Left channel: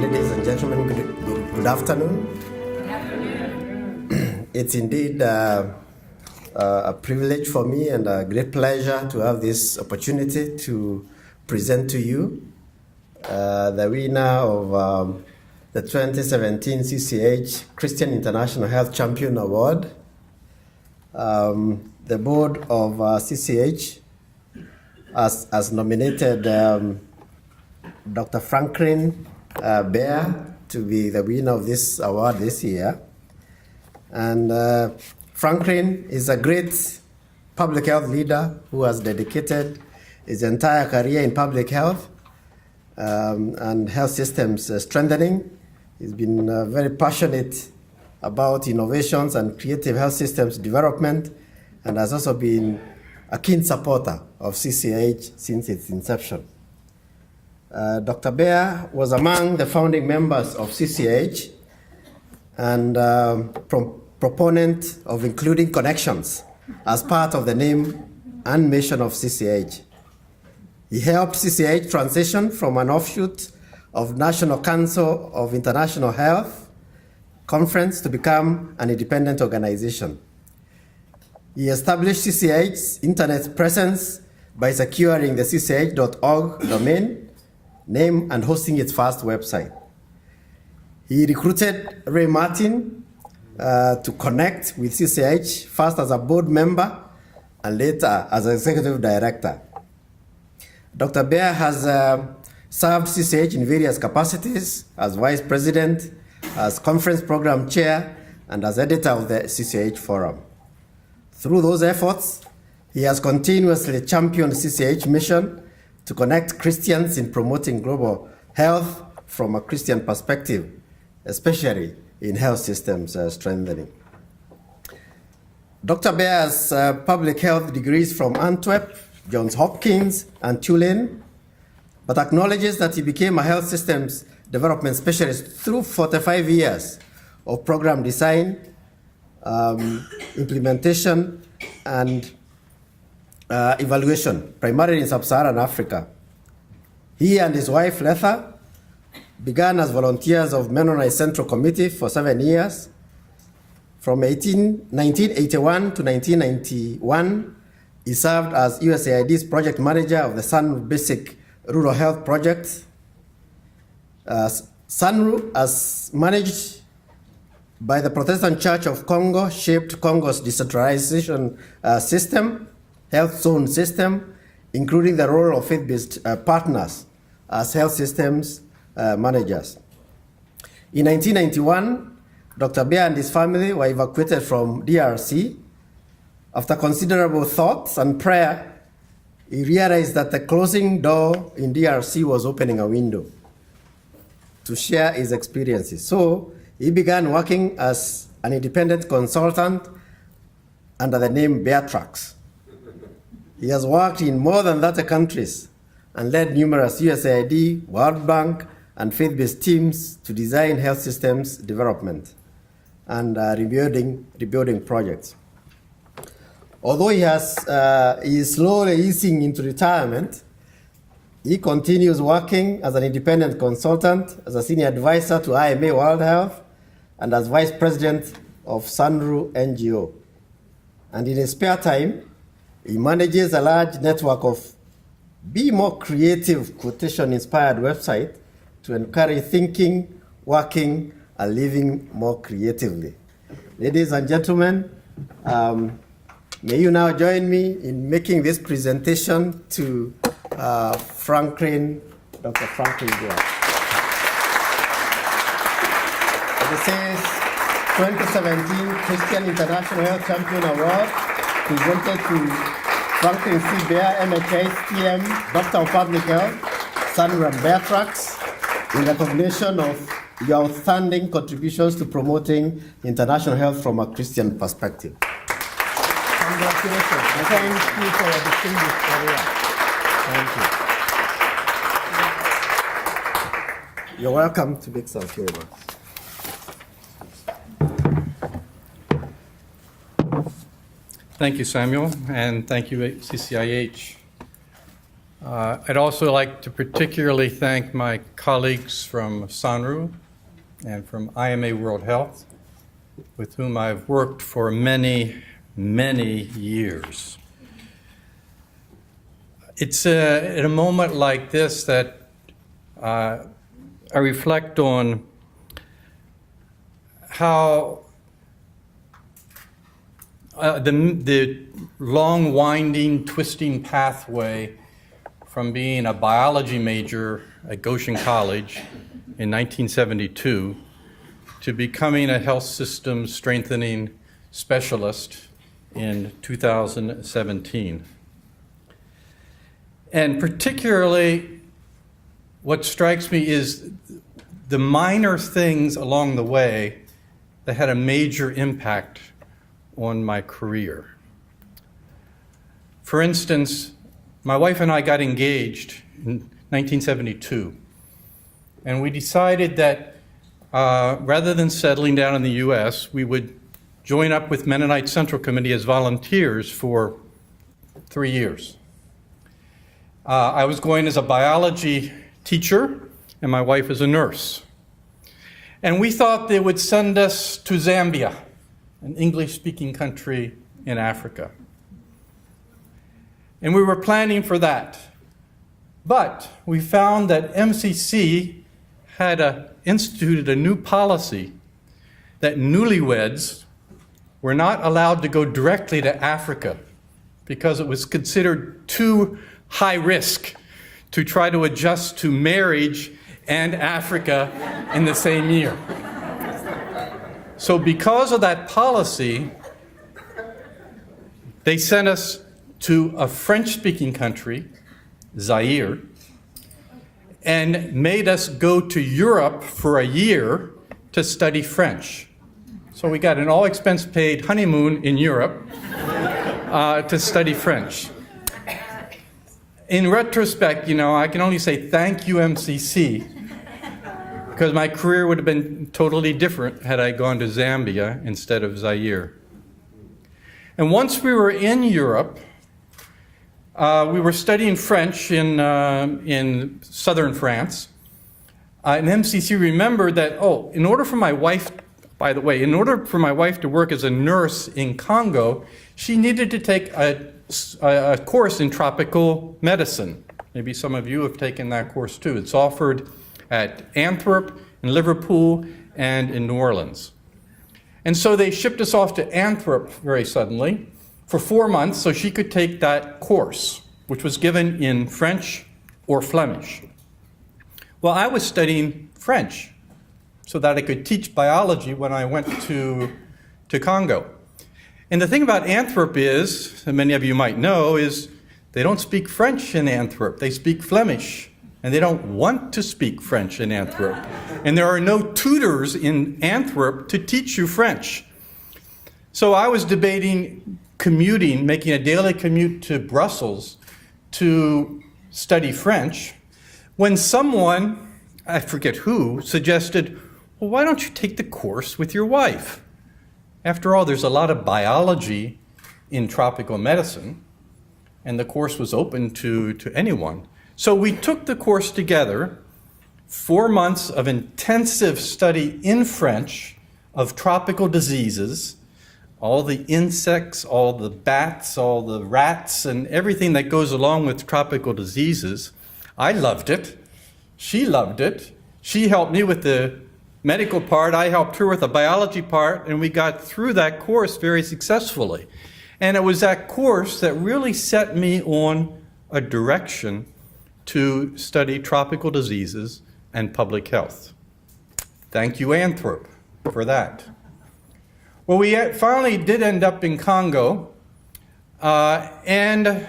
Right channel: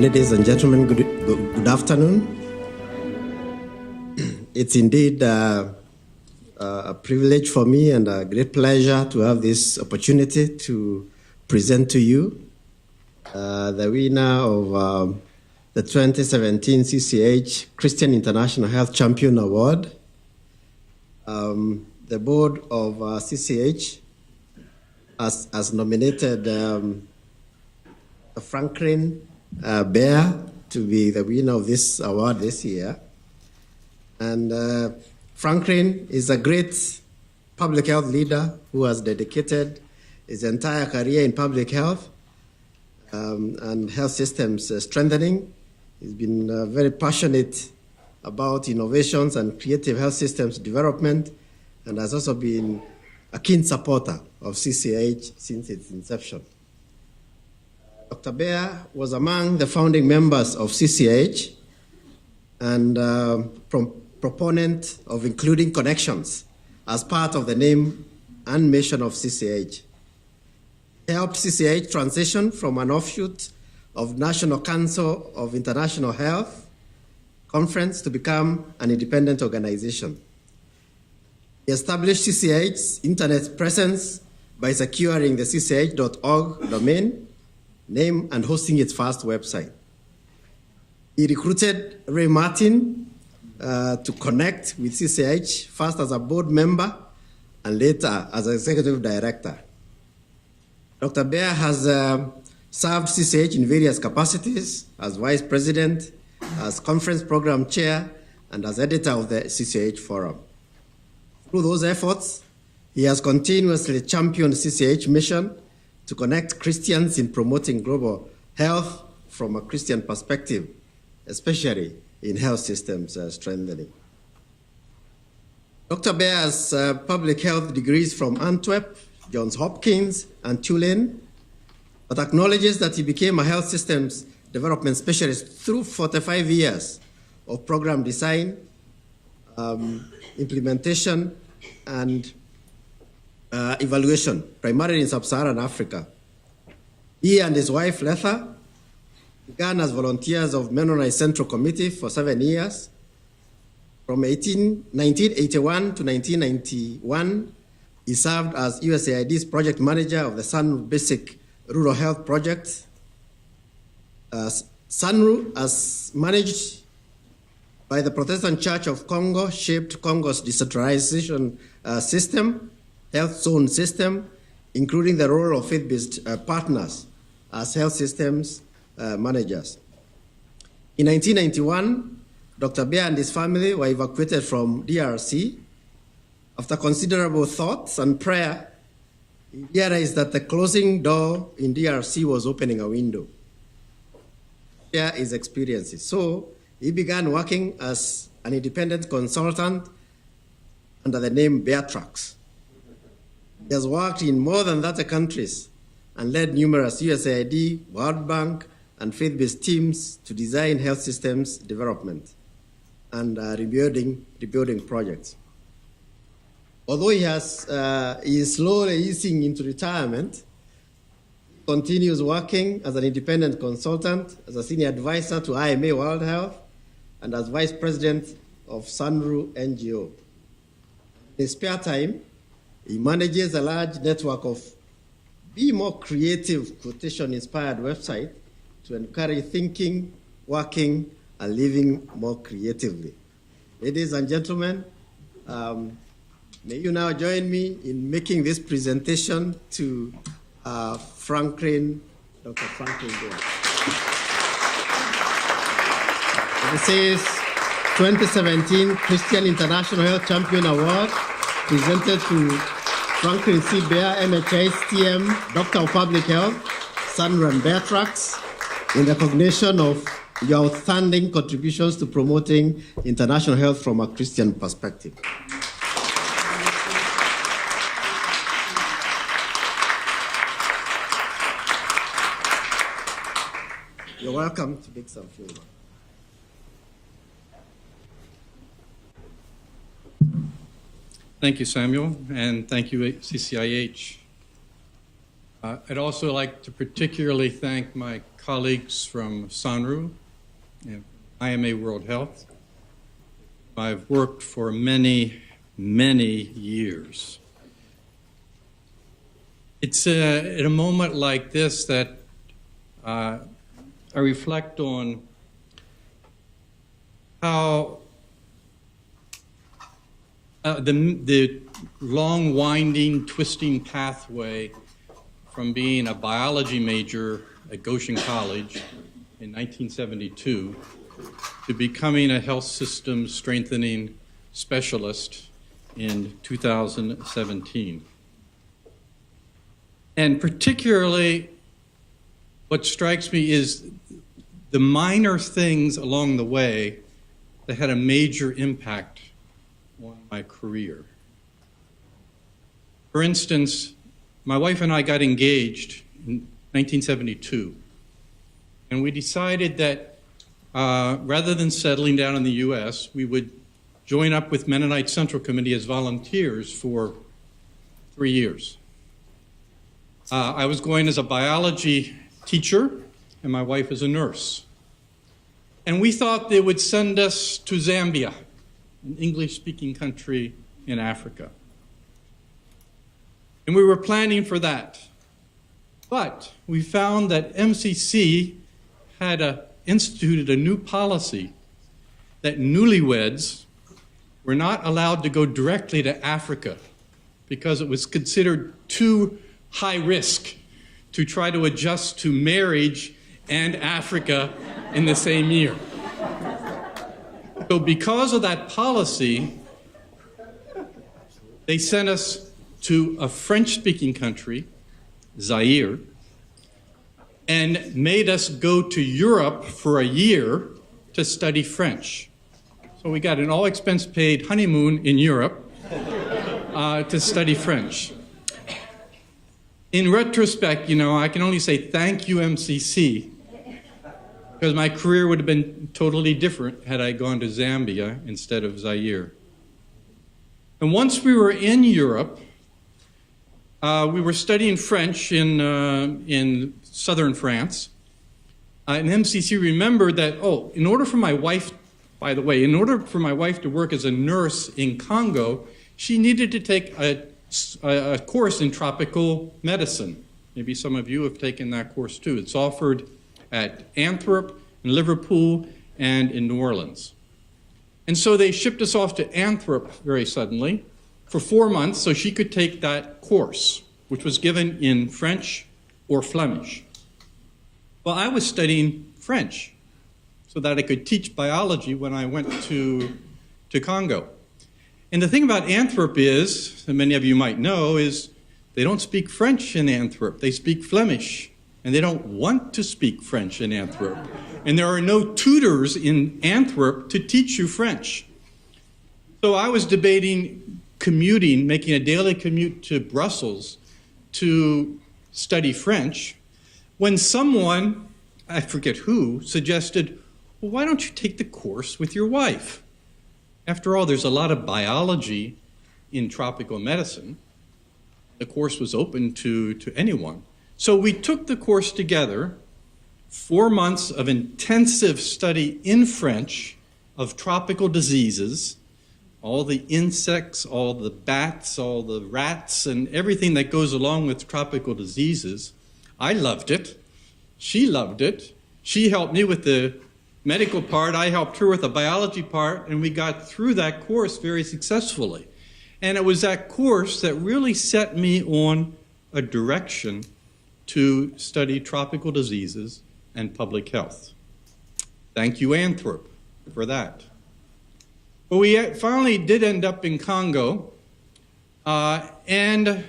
Ladies and gentlemen, good afternoon. It's indeed a privilege for me and a great pleasure to have this opportunity to present to you the winner of the 2017 CCIH Christian International Health Champion Award. The board of CCIH has nominated Dr. Franklin Baer to be the winner of this award this year. And Franklin is a great public health leader who has dedicated his entire career in public health and health systems strengthening. He's been very passionate about innovations and creative health systems development, and has also been a keen supporter of CCIH since its inception. Dr. Baer was among the founding members of CCIH and proponent of including connections as part of the name and mission of CCIH. He helped CCIH transition from an offshoot of National Council of International Health Conference to become an independent organization. He established CCIH's internet presence by securing the ccih.org domain name and hosting its first website. He recruited Ray Martin to connect with CCIH, first as a board member and later as executive director. Dr. Baer has served CCIH in various capacities as vice president, as conference program chair, and as editor of the CCIH Forum. Through those efforts, he has continuously championed CCIH mission to connect Christians in promoting global health from a Christian perspective, especially in health systems strengthening. Dr. Baer has public health degrees from Antwerp, Johns Hopkins, and Tulane, but acknowledges that he became a health systems development specialist through 45 years of program design, implementation, and evaluation, primarily in sub-Saharan Africa. He and his wife, Letha, began as volunteers of Mennonite Central Committee for 7 years. From 1981 to 1991, he served as USAID's project manager of the SANRU Basic Rural Health Project. SANRU, as managed by the Protestant Church of Congo, shaped Congo's decentralization system, health zone system, including the role of faith-based partners as health systems managers. In 1991, Dr. Baer and his family were evacuated from DRC. After considerable thought and prayer, he realized that the closing door in DRC was opening a window to share his experiences. So he began working as an independent consultant under the name Baer. He has worked in more than 30 countries and led numerous USAID, World Bank, and faith-based teams to design health systems development and rebuilding projects. Although he is slowly easing into retirement, he continues working as an independent consultant, as a senior advisor to IMA World Health, and as vice president of SANRU NGO. And in his spare time, he manages a large network of Be More Creative quotation-inspired website to encourage thinking, working, and living more creatively. Ladies and gentlemen, may you now join me in making this presentation to Dr. Franklin Baer. This is 2017 Christian International Health Champion Award, presented to Franklin C. Baer, MHS-TM, Doctor of Public Health, SANRU and Baer, in recognition of your outstanding contributions to promoting international health from a Christian perspective. Congratulations. Thank you for your distinguished career. Thank you. You're welcome to make some favor. Thank you, Samuel, and thank you, CCIH. I'd also like to particularly thank my colleagues from SANRU and from IMA World Health, with whom I've worked for many, many years. It's at a moment like this that I reflect on how the long, winding, twisting pathway from being a biology major at Goshen College in 1972 to becoming a health system strengthening specialist in 2017. And particularly, what strikes me is the minor things along the way that had a major impact on my career. For instance, my wife and I got engaged in 1972, and we decided that rather than settling down in the U.S., we would join up with Mennonite Central Committee as volunteers for 3 years. I was going as a biology teacher, and my wife as a nurse. And we thought they would send us to Zambia, an English-speaking country in Africa. And we were planning for that. But we found that MCC had instituted a new policy that newlyweds were not allowed to go directly to Africa because it was considered too high risk to try to adjust to marriage and Africa in the same year. So because of that policy, they sent us to a French-speaking country, Zaire, and made us go to Europe for a year to study French. So we got an all-expense-paid honeymoon in Europe to study French. In retrospect, I can only say thank you, MCC, because my career would have been totally different had I gone to Zambia instead of Zaire. And once we were in Europe, we were studying French in southern France, and MCC remembered that, in order for my wife, by the way, in order for my wife to work as a nurse in Congo, she needed to take a course in tropical medicine. Maybe some of you have taken that course too. It's offered at Antwerp, in Liverpool, and in New Orleans. And so they shipped us off to Antwerp very suddenly for 4 months so she could take that course, which was given in French or Flemish. Well, I was studying French so that I could teach biology when I went to Congo. And the thing about Antwerp is, and many of you might know, is they don't speak French in Antwerp. They speak Flemish, and they don't want to speak French in Antwerp. And there are no tutors in Antwerp to teach you French. So I was debating commuting, making a daily commute to Brussels to study French, when someone, I forget who, suggested, well, why don't you take the course with your wife? After all, there's a lot of biology in tropical medicine, and the course was open to anyone. So we took the course together, 4 months of intensive study in French of tropical diseases, all the insects, all the bats, all the rats, and everything that goes along with tropical diseases. I loved it. She loved it. She helped me with the medical part, I helped her with the biology part, and we got through that course very successfully. And it was that course that really set me on a direction to study tropical diseases and public health. Thank you, Antwerp, for that. Well, we finally did end up in Congo, and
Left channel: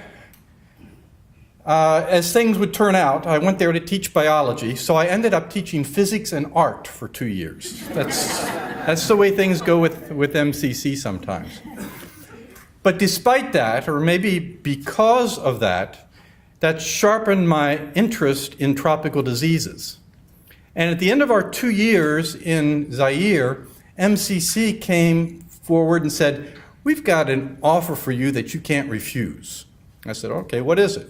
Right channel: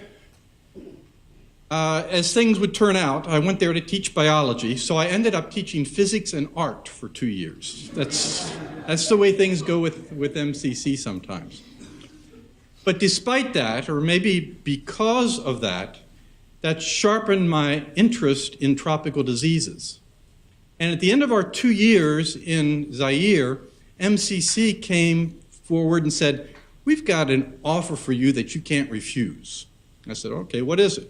as things would turn out, I went there to teach biology, so I ended up teaching physics and art for 2 years. That's the way things go with MCC sometimes. But despite that, or maybe because of that, that sharpened my interest in tropical diseases. And at the end of our 2 years in Zaire, MCC came forward and said, we've got an offer for you that you can't refuse. I said, okay, what is it?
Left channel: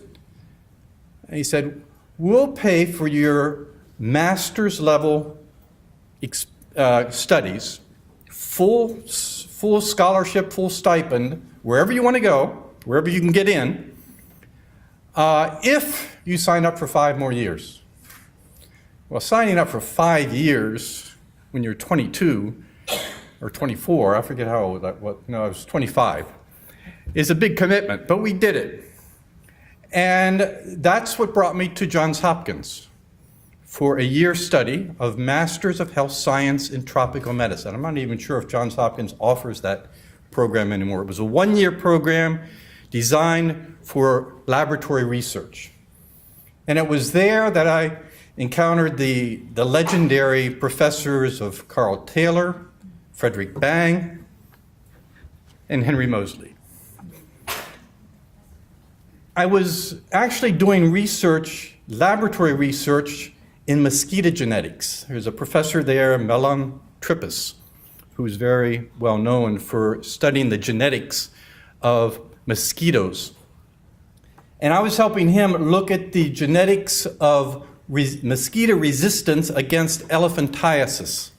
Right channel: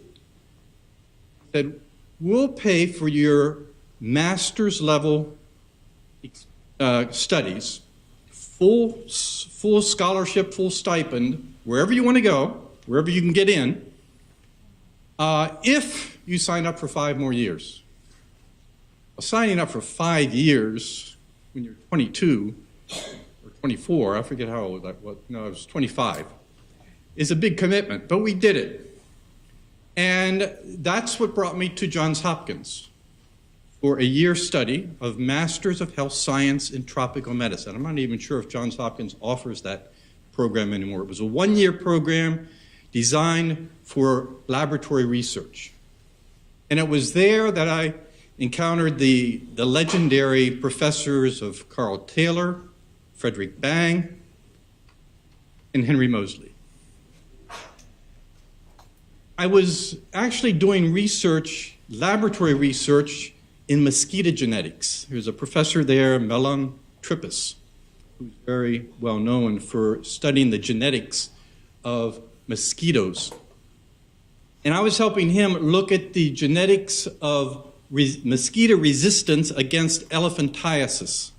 And he said, we'll pay for your master's level studies, full scholarship, full stipend, wherever you want to go, wherever you can get in, if you sign up for 5 more years. Well, signing up for 5 years when you're 22 or 24, I forget how old that was, no, I was 25, is a big commitment, but we did it. And that's what brought me to Johns Hopkins for a year study of Masters of Health Science in Tropical Medicine. I'm not even sure if Johns Hopkins offers that program anymore. It was a 1-year program designed for laboratory research. And it was there that I encountered the legendary professors of Carl Taylor, Frederick Bang, and Henry Moseley. I was actually doing research, laboratory research, in mosquito genetics. There's a professor there, Melon Trippus, who's very well known for studying the genetics of mosquitoes. And I was helping him look at the genetics of mosquito resistance against elephantiasis.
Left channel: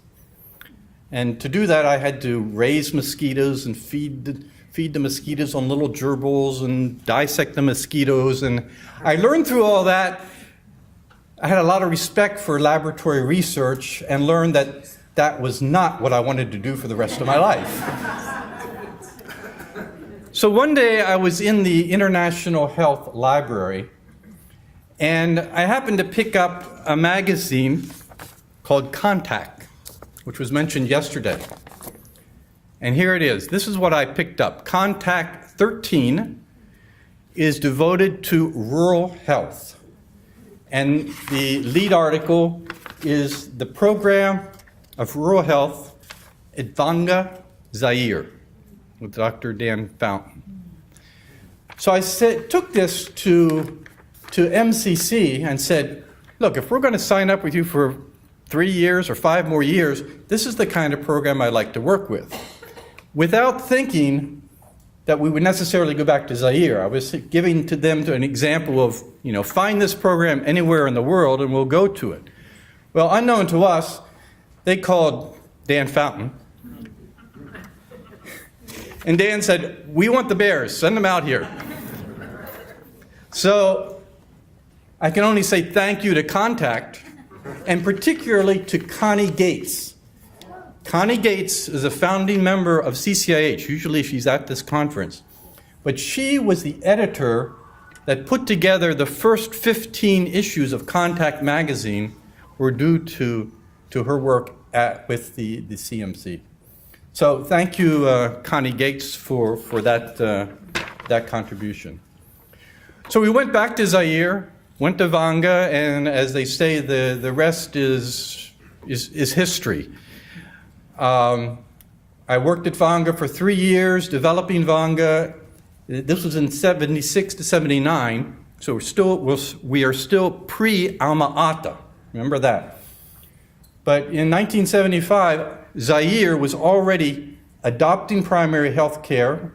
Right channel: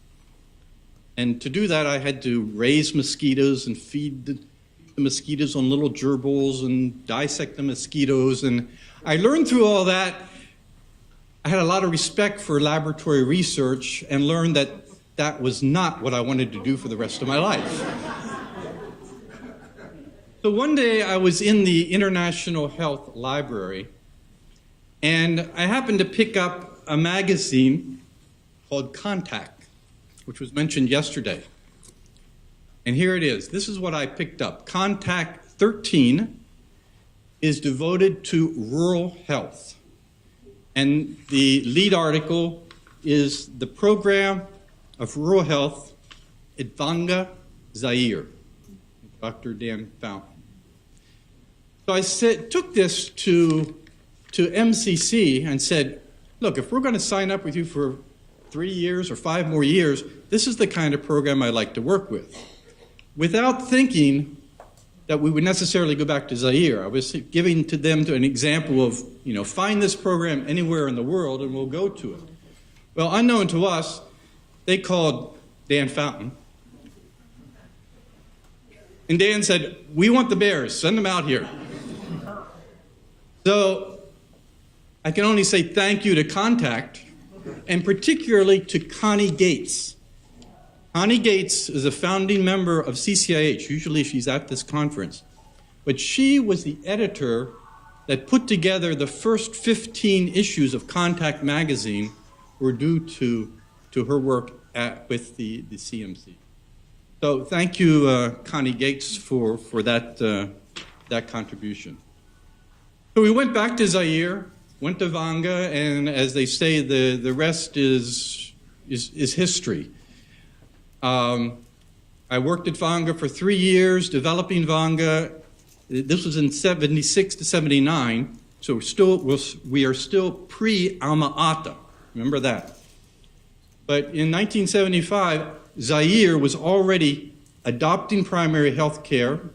And to do that, I had to raise mosquitoes and feed the mosquitoes on little gerbils and dissect the mosquitoes. And I learned through all that. I had a lot of respect for laboratory research and learned that that was not what I wanted to do for the rest of my life. So one day I was in the International Health Library, and I happened to pick up a magazine called Contact, which was mentioned yesterday. And here it is. This is what I picked up. Contact 13 is devoted to rural health. And the lead article is the Program of Rural Health at Vanga, Zaire, with Dr. Dan Fountain. So I took this to MCC and said, look, if we're going to sign up with you for 3 years or 5 more years, this is the kind of program I like to work with. Without thinking that we would necessarily go back to Zaire. I was giving to them an example of, find this program anywhere in the world and we'll go to it. Well, unknown to us, they called Dan Fountain. And Dan said, we want the Baers, send them out here. So I can only say thank you to Contact, and particularly to Connie Gates. Connie Gates is a founding member of CCIH. Usually she's at this conference. But she was the editor that put together the first 15 issues of Contact magazine were due to her work with the CMC. So thank you, Connie Gates, for that contribution. So we went back to Zaire, went to Vanga, and as they say, the rest is history. I worked at Vanga for 3 years, developing Vanga. This was in 76 to 79, so we are still pre-Alma Ata. Remember that. But in 1975, Zaire was already adopting primary health care,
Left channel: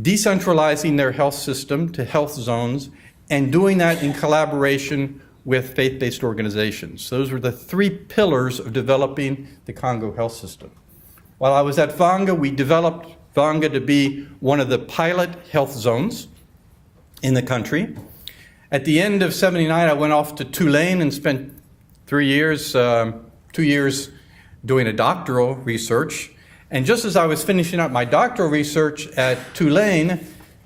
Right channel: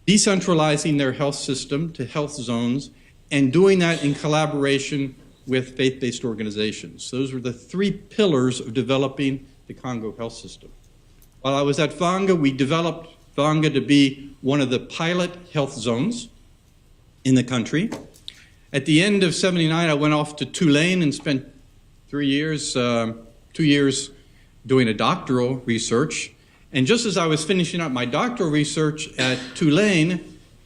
decentralizing their health system to health zones, and doing that in collaboration with faith-based organizations. Those were the 3 pillars of developing the Congo health system. While I was at Vanga, we developed Vanga to be one of the pilot health zones in the country. At the end of 79, I went off to Tulane and spent 3 years, 2 years doing a doctoral research. And just as I was finishing up my doctoral research at Tulane,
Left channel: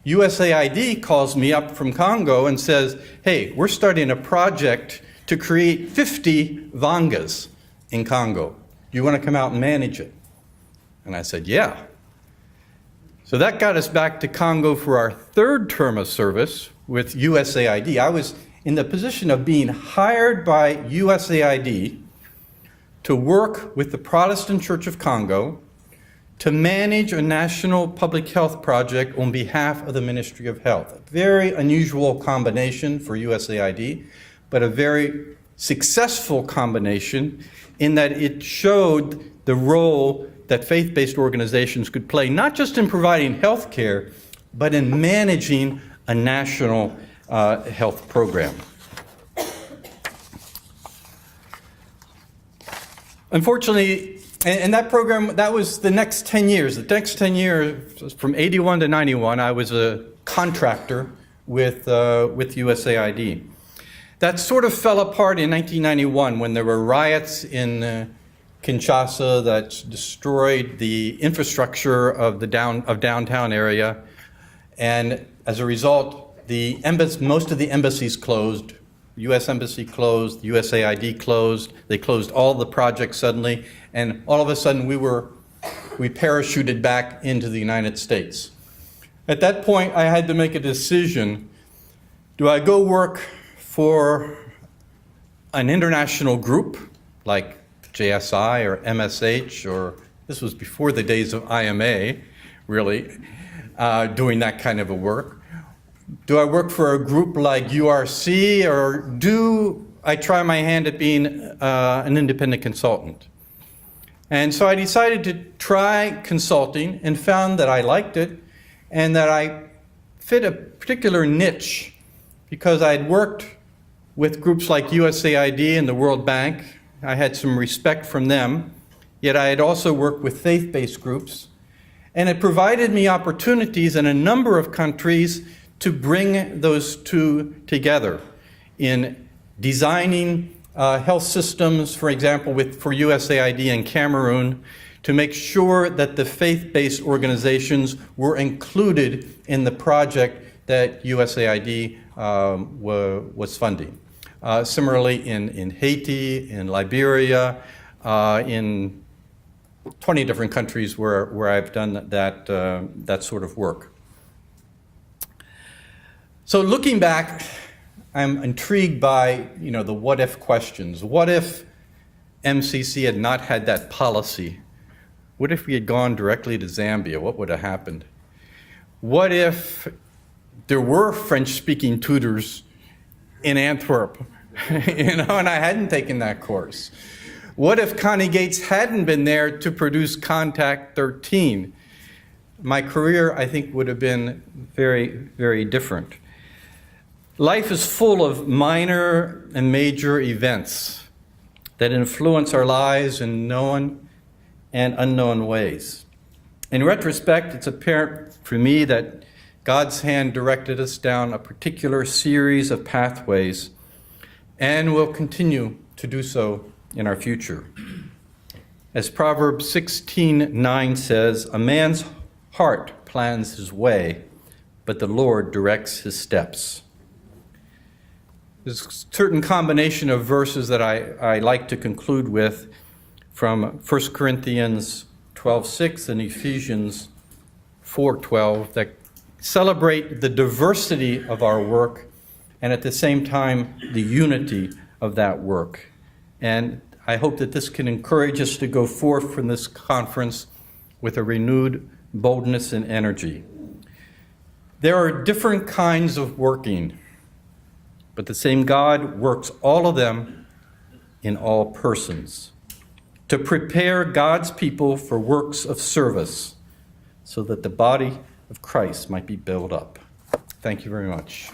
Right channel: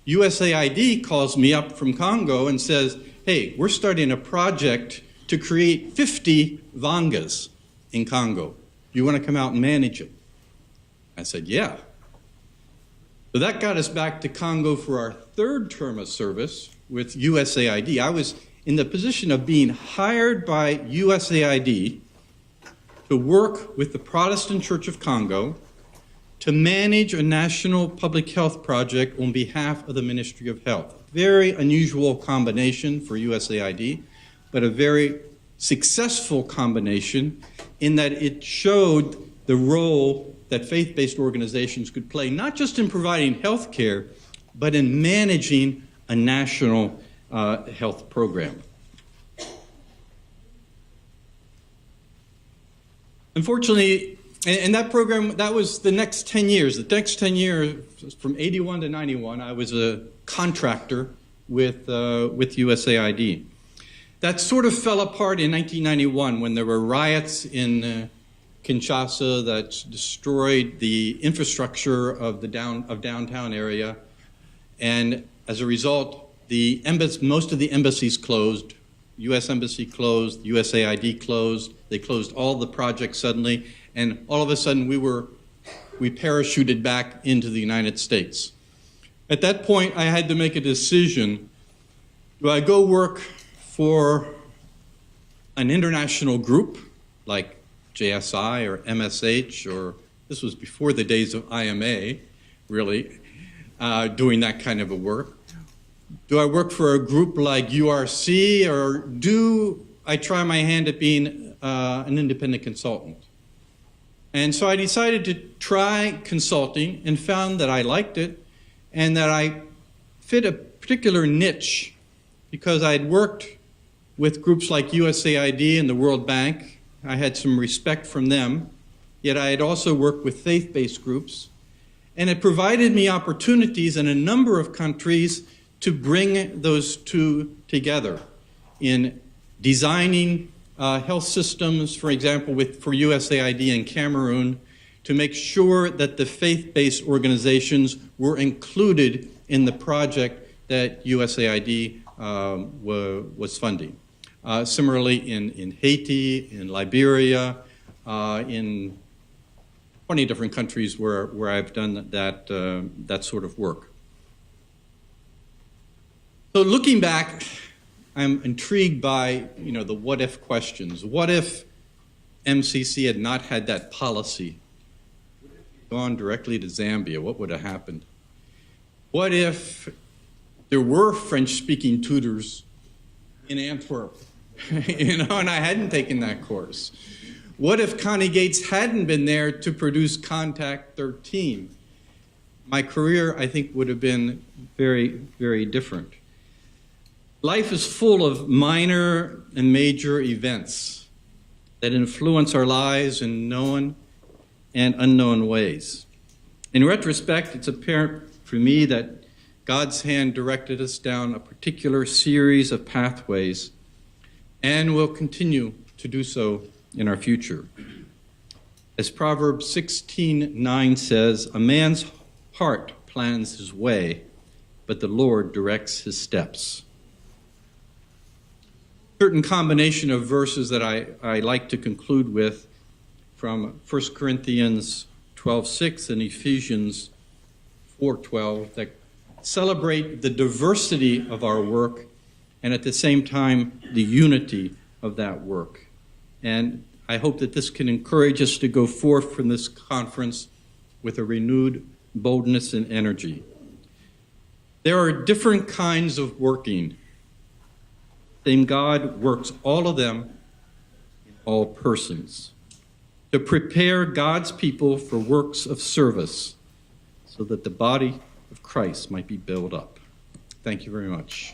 USAID calls me up from Congo and says, hey, we're starting a project to create 50 Vangas in Congo. Do you want to come out and manage it? And I said, yeah. So that got us back to Congo for our 3rd term of service with USAID. I was in the position of being hired by USAID to work with the Protestant Church of Congo to manage a national public health project on behalf of the Ministry of Health. A very unusual combination for USAID, but a very successful combination in that it showed the role that faith-based organizations could play, not just in providing health care, but in managing a national health program. Unfortunately, and that program, that was the next 10 years. The next 10 years, from 81 to 91, I was a contractor with USAID. That sort of fell apart in 1991 when there were riots in Kinshasa that destroyed the infrastructure of the downtown area. And as a result, most of the embassies closed. U.S. Embassy closed, USAID closed, they closed all the projects suddenly, and all of a sudden we parachuted back into the United States. At that point, I had to make a decision. Do I go work for an international group like JSI or MSH, or this was before the days of IMA, really, doing that kind of a work? Do I work for a group like URC, or do I try my hand at being an independent consultant? And so I decided to try consulting and found that I liked it and that I fit a particular niche because I had worked with groups like USAID and the World Bank. I had some respect from them, yet I had also worked with faith-based groups, and it provided me opportunities in a number of countries to bring those two together in designing health systems, for example, for USAID in Cameroon, to make sure that the faith-based organizations were included in the project that USAID was funding. Similarly, in Haiti, in Liberia, in 20 different countries where I've done that sort of work. So looking back, I'm intrigued by, the what-if questions. What if MCC had not had that policy? What if we had gone directly to Zambia? What would have happened? What if there were French-speaking tutors in Antwerp, and I hadn't taken that course? What if Connie Gates hadn't been there to produce Contact 13? My career, I think, would have been very, very different. Life is full of minor and major events that influence our lives in known and unknown ways. In retrospect, it's apparent for me that God's hand directed us down a particular series of pathways and will continue to do so in our future. As Proverbs 16:9 says, "A man's heart plans his way, but the Lord directs his steps." There's a certain combination of verses that I like to conclude with from 1 Corinthians 12:6 and Ephesians 4:12 that celebrate the diversity of our work and at the same time the unity of that work. And I hope that this can encourage us to go forth from this conference with a renewed boldness and energy. There are different kinds of working, but the same God works all of them in all persons to prepare God's people for works of service so that the body of Christ might be built up. Thank you very much.